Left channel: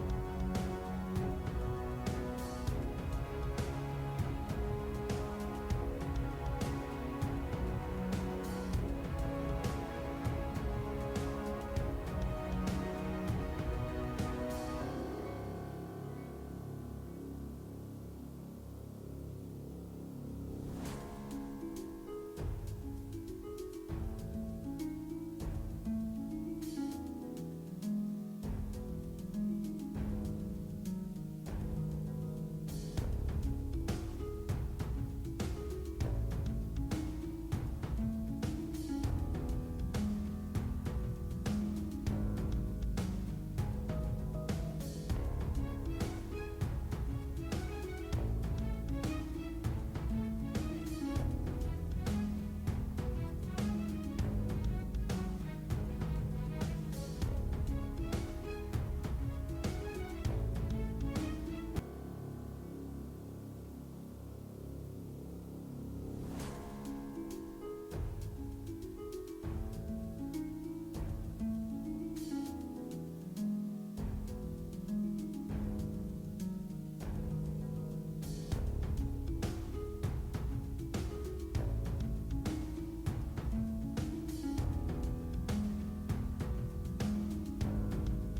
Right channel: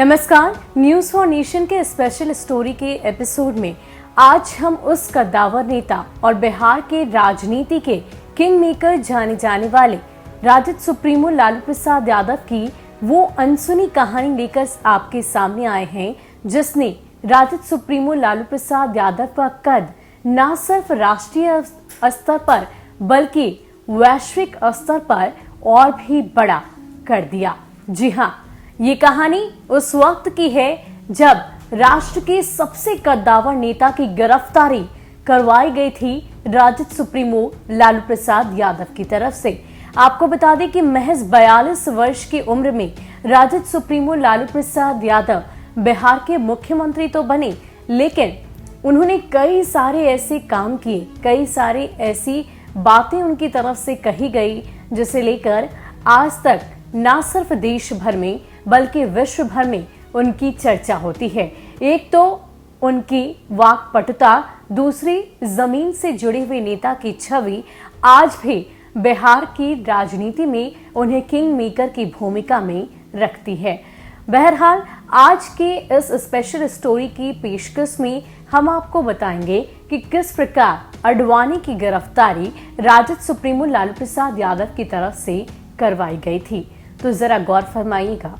नमस्कार, news for nation के special story के एपिसोड में आज हम उस कद्दावर नेता और बिहार के राजनीति के किंग मेकर जाने जाने वाले राजद सुप्रीमो लालू प्रसाद यादव की वो अनसुनी कहानी लेकर आपके सामने आए हैं, जिसने राजद सुप्रीमो लालू प्रसाद यादव का कद न सिर्फ राष्ट्रीय स्तर पर बल्कि वैश्विक स्तर पर और भी बड़ा कर दिया। जी हाँ, ये कहानी उस वक्त की है जब राष्ट्र के सबसे कद्दावर नेता की गिरफ्तारी करवाई गई थी राजद सुप्रीमो लालू प्रसाद यादव की तरफ से। आपको बता दें कि महज 42 वर्ष की उम्र में राजद सुप्रीमो लालू प्रसाद यादव बिहार के मुख्यमंत्री तो बने, लेकिन उन्होंने कई सारे ऐसे काम किए, कई सारी ऐसी बातें उनकी तरफ से कही गई जिसे लेकर आज तक न सिर्फ देश भर में बल्कि विश्व भर में उनकी चर्चा होती है। एक तो उनकी वाक्पटुता, दूसरी जमीन से जुड़े हुए नेता की छवि आज भी बिहार की राजनीति में उन्हें किंग मेकर की भूमिका में रखती है। बहरहाल आज के इस स्पेशल स्टोरी की पेशकश में हम आपको बताएंगे कि किस प्रकार आडवाणी की गिरफ्तारी राजद सुप्रीमो लालू प्रसाद यादव की तरफ से करवाई गई थी। तो जरा गौर फरमाइएगा।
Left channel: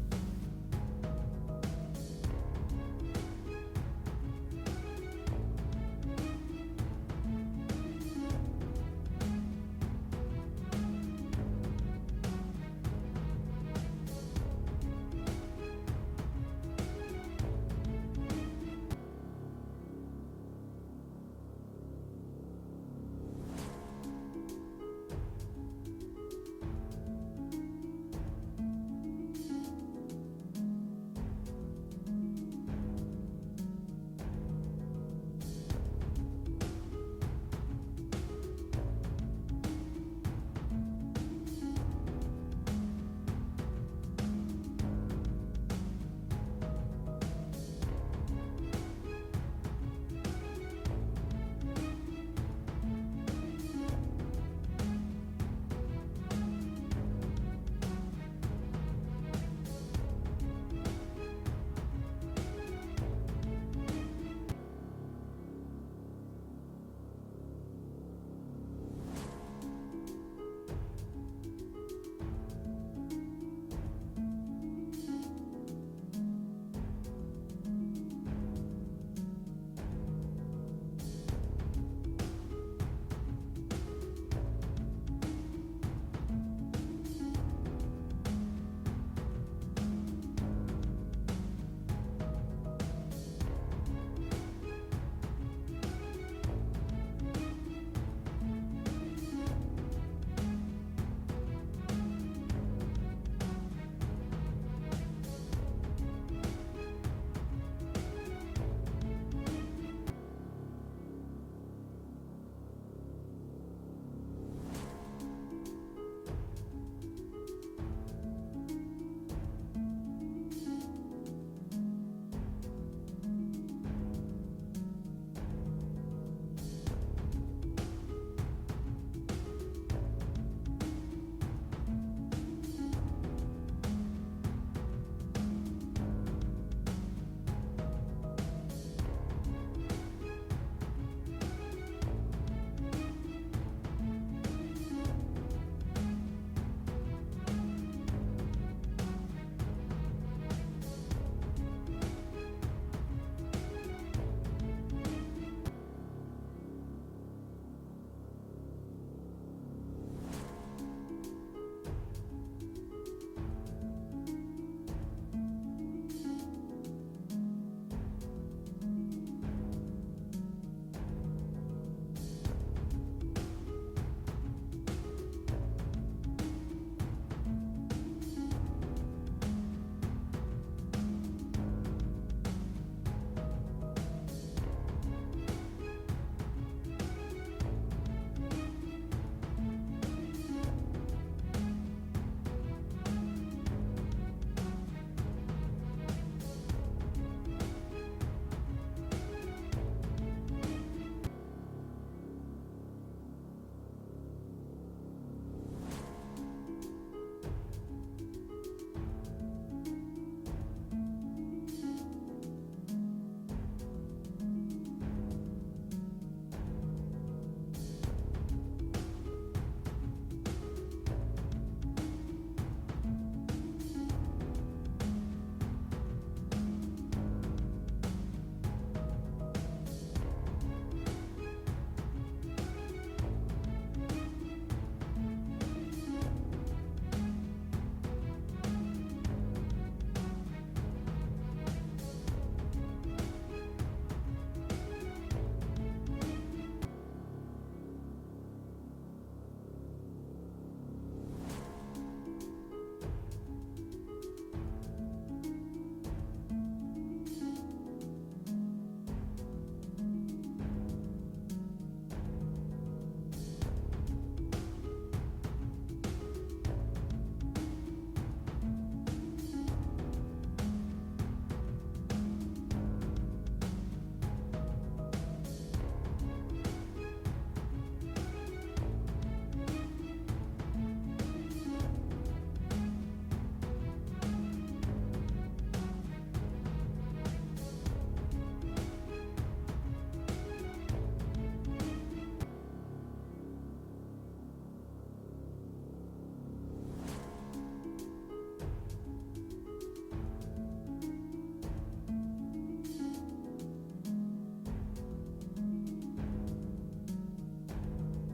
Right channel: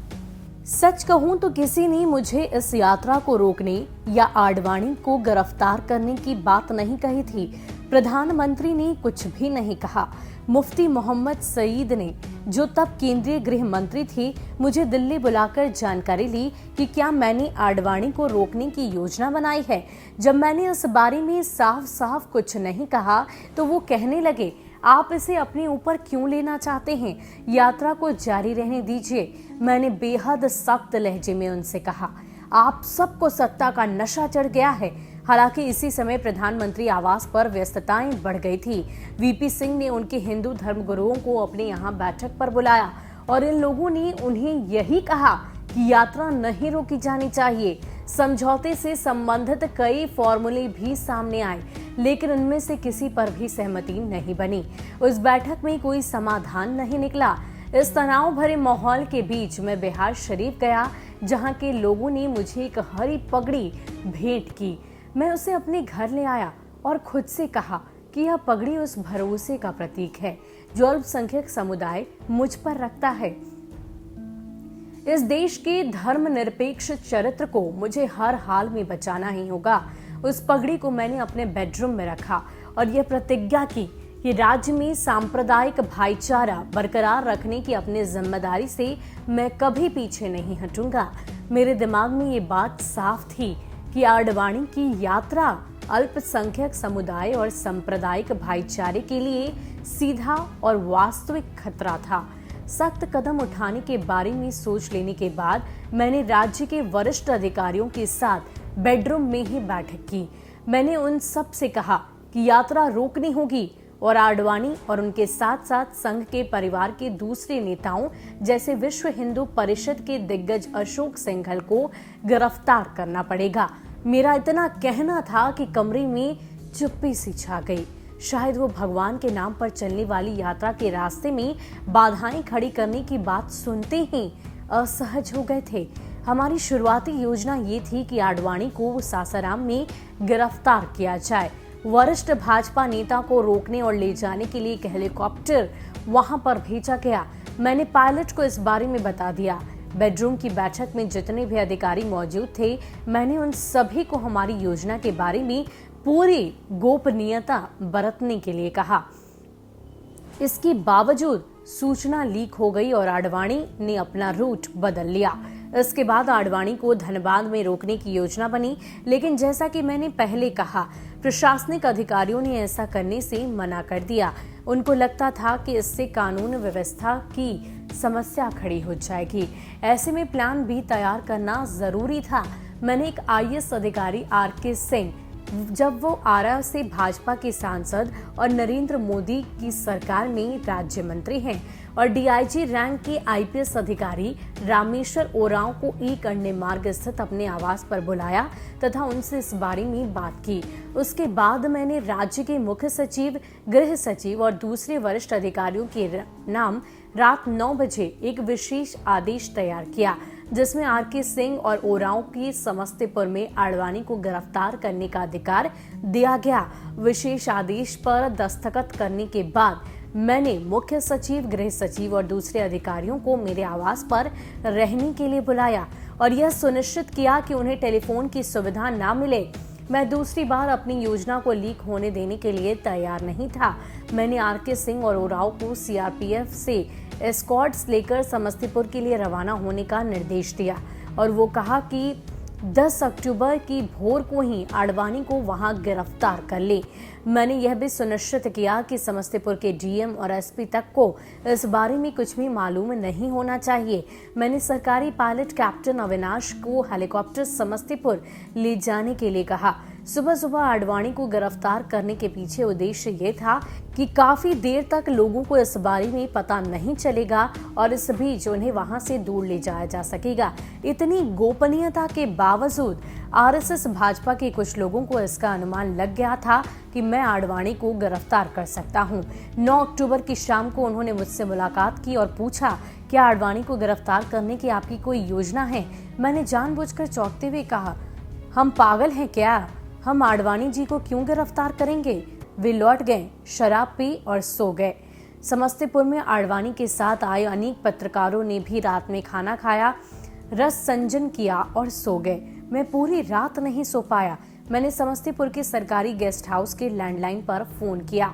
सच कहूं तो किसी ने मुझे इस यात्रा को रोकने या आडवाणी को गिरफ्तार करने की बात नहीं कही थी। प्रधानमंत्री ने कुछ भी नहीं कहा। मुफ्ती मोहम्मद सईद ने, जो तब केंद्रीय गृह मंत्री थे, मुझे दिल्ली बुलाकर जानकारी ली कि क्या मैंने आडवाणी को रोकने की योजना बनाई है। जब मैंने इस बारे में साफ साफ कुछ नहीं कहा तो वो कहने लगे, आप इसे अपने ऊपर क्यों लेना चाहते हैं, यात्रा को जारी रहने दीजिए। मैंने बेहद सख्त लहजे में उनसे कहा, आप सबको सत्ता का नशा चढ़ गया है। हालांकि इसी समय प्रधानमंत्री आवास पर व्यस्तताएं बढ़ गई थी। वीपी सिंह ने उनके हिंदू धर्मगुरुओं को अपने यहाँ बैठक पर बुलाया और इन लोगों ने उन्हें यही कहा कि यात्रा नहीं रोकी जानी चाहिए। समझौते से संबंधित कई फॉर्मूले भी सामने आए, लेकिन उनमें से किसी पर भी सहमति नहीं बनी। उस बैठक में कोई समाधान नहीं निकला। इस तनाव भरे माहौल के बीच मैं बिहार शरीफ गया, जहां के लोगों ने मुझे एक हरी पगड़ी भेंट की। मैं उसे अपने घर ले आया और खुद से कहा कि यह पगड़ी उस भरोसे का प्रतीक है जो अल्पसंख्यक समुदाय मुझ पर रखता है। इस देश के धर्मनिरपेक्ष चरित्र को मुझे हर हाल में बचाना ही होगा। उस पगड़ी को मैंने अपने बेडरूम में रखा और यह प्रतिज्ञा की कि राज्य में सांप्रदायिक भाईचारा बरकरार रखने की अपनी जिम्मेदारी से मैं कभी पीछे नहीं हटूंगा। मेरे दिमाग में ये बात साफ थी कि आडवाणी की यात्रा अल्पसंख्यक समुदाय और सांप्रदायिक भाईचारे के लिए सीधा और वास्तविक खतरा था। सख्त कदम उठाने के बारे में सोच लेने के बाद मैंने राज्य के वरिष्ठ अधिकारियों के साथ बेडरूम में ही बैठक की। मैंने उन सब से कहा कि यात्रा रोकनी होगी और आडवाणी और उनके साथ साथ संघ के परिवार के दूसरे नेताओं जैसे विश्व हिंदू परिषद के दिग्गज अशोक सिंघल को गिरफ्तार करना पड़ेगा। मेरा इतना कहना था कि कमरे में चुप्पी सी छा गई। शायद वो भगवान के नाम पर चलने वाली यात्रा के रास्ते में बाधाएं खड़ी करने की बात सुनते ही असहज हो गए थे। हमारी शुरुआती योजना ये थी कि आडवाणी को सासाराम में गिरफ्तार किया जाए। वरिष्ठ भाजपा नेता को रोकने और ले जाने के लिए एक हेलीकॉप्टर वहां पर भेजा गया। मैंने पायलट को इस बारे में बता दिया। बेडरूम की बैठक में जितने भी अधिकारी मौजूद थे, मैंने उन सभी को हमारी योजना के बारे में पूरी गोपनीयता बरतने के लिए कहा। इसके बावजूद सूचना लीक हो गई और आडवाणी ने अपना रूट बदल लिया। इसके बाद आडवाणी को धनबाद में रोकने की योजना बनी, लेकिन जैसा कि मैंने पहले कहा, प्रशासनिक अधिकारियों ने ऐसा करने से मना कर दिया। उनको लगता था कि इससे कानून व्यवस्था की समस्या खड़ी हो जाएगी। ऐसे में प्लान बी तैयार करना जरूरी था। मैंने एक आईएएस अधिकारी आर.के. सिंह, जब वो आरा से भाजपा के सांसद और नरेंद्र मोदी की सरकार में राज्य मंत्री हैं, और डीआईजी रैंक के आईपीएस अधिकारी रामेश्वर ओरांव को एक अन्य मार्ग स्थित अपने आवास पर बुलाया तथा उनसे इस बारे में बात की। उसके बाद मैंने राज्य के मुख्य सचिव, गृह सचिव और दूसरे वरिष्ठ अधिकारियों के नाम रात 9 बजे एक विशेष आदेश तैयार किया जिसमें आरके सिंह और ओरांव की समस्तीपुर में आडवाणी को गिरफ्तार करने का अधिकार दिया गया। विशेष आदेश पर दस्तखत करने के बाद मैंने मुख्य सचिव, गृह सचिव और दूसरे अधिकारियों को मेरे आवास पर रहने के लिए बुलाया और यह सुनिश्चित किया कि उन्हें टेलीफोन की सुविधा न मिले। मैं दूसरी बार अपनी योजना को लीक होने देने के लिए तैयार नहीं था। मैंने आरके सिंह और ओरांव को सीआरपीएफ से एस्कॉर्ट्स लेकर समस्तीपुर के लिए रवाना होने का निर्देश दिया और वो कहा कि 10 अक्टूबर की भोर को ही आडवाणी को वहां गिरफ्तार कर ले। मैंने यह भी सुनिश्चित किया कि समस्तीपुर के डीएम और एसपी तक को इस बारे में कुछ भी मालूम नहीं होना चाहिए। मैंने सरकारी पायलट कैप्टन अविनाश को हेलीकॉप्टर समस्तीपुर ले जाने के लिए कहा। सुबह सुबह आडवाणी को गिरफ्तार करने के पीछे उद्देश्य ये था कि काफी देर तक लोगों को इस बारे में पता नहीं चलेगा और इस बीच उन्हें वहां से दूर ले जाया जा सकेगा। इतनी गोपनीयता के बावजूद आरएसएस भाजपा के कुछ लोगों को इसका अनुमान लग गया था कि मैं आडवाणी को गिरफ्तार कर सकता हूं। 9 अक्टूबर की शाम को उन्होंने मुझसे मुलाकात की और पूछा, क्या आडवाणी को गिरफ्तार करने की आपकी कोई योजना है? मैंने जानबूझकर चौंकते हुए कहा, हम पागल हैं क्या? हम आडवाणी जी को क्यों गिरफ्तार करेंगे? वे लौट गए, शराब पी और सो गए। समस्तीपुर में आडवाणी के साथ आए अनेक पत्रकारों ने भी रात में खाना खाया, रस संजन किया और सो गए। मैं पूरी रात नहीं सो पाया। मैंने समस्तीपुर के सरकारी गेस्ट हाउस के लैंडलाइन पर फोन किया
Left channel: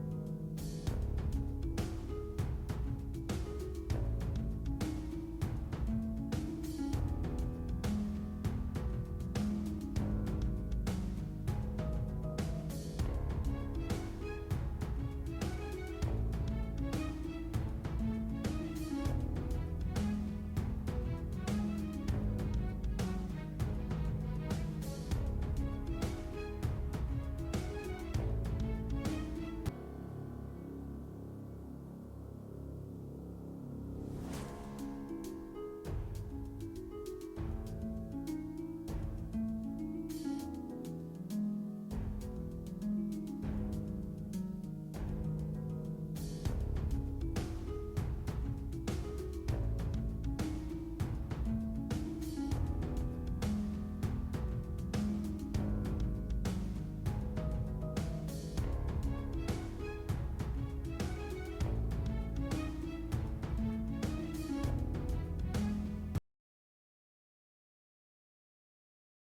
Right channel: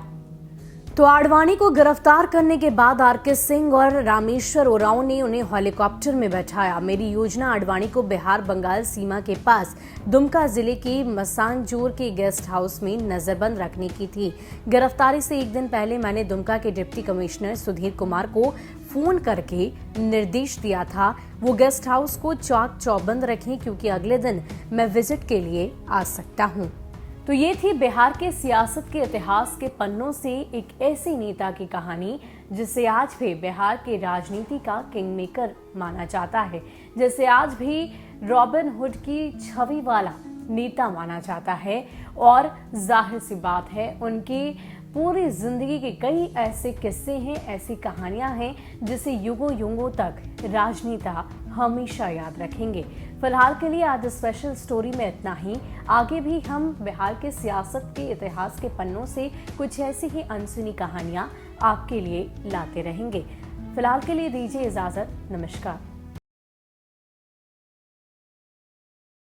तो आडवाणी को गिरफ्तार करने के बाद आरके सिंह और रामेश्वर ओरांव ने उन्हें हेलीकॉप्टर में बैठाया। मेरी योजना आडवाणी को बिहार बंगाल सीमा के पास दुमका जिले के मसानजोर के गेस्ट हाउस में नजरबंद रखने की थी। गिरफ्तारी से एक दिन पहले मैंने दुमका के डिप्टी कमिश्नर सुधीर कुमार को फोन करके निर्देश दिया था वो गेस्ट हाउस को चाक चौबंद रखें क्योंकि अगले दिन मैं विजिट के लिए आ सकता हूँ। तो ये थी बिहार के सियासत के इतिहास के पन्नों से एक ऐसी नेता की कहानी जिसे आज भी बिहार के राजनीति का किंगमेकर माना जाता है, जिसे आज भी रॉबिन हुड की छवि वाला नेता माना जाता है। और जाहिर सी बात है उनकी पूरी जिंदगी के कई ऐसे किस्से हैं, ऐसी कहानियां हैं जिसे युगों युगों तक राजनेता हमेशा याद रखेंगे। फिलहाल के लिए आज स्पेशल स्टोरी में इतना ही। आगे भी हम बिहार के सियासत के इतिहास के पन्नों से कुछ ऐसी ही अनसुनी कहानियां आपके लिए लाते रहेंगे। फिलहाल के लिए दीजिए इजाजत। नमस्कार।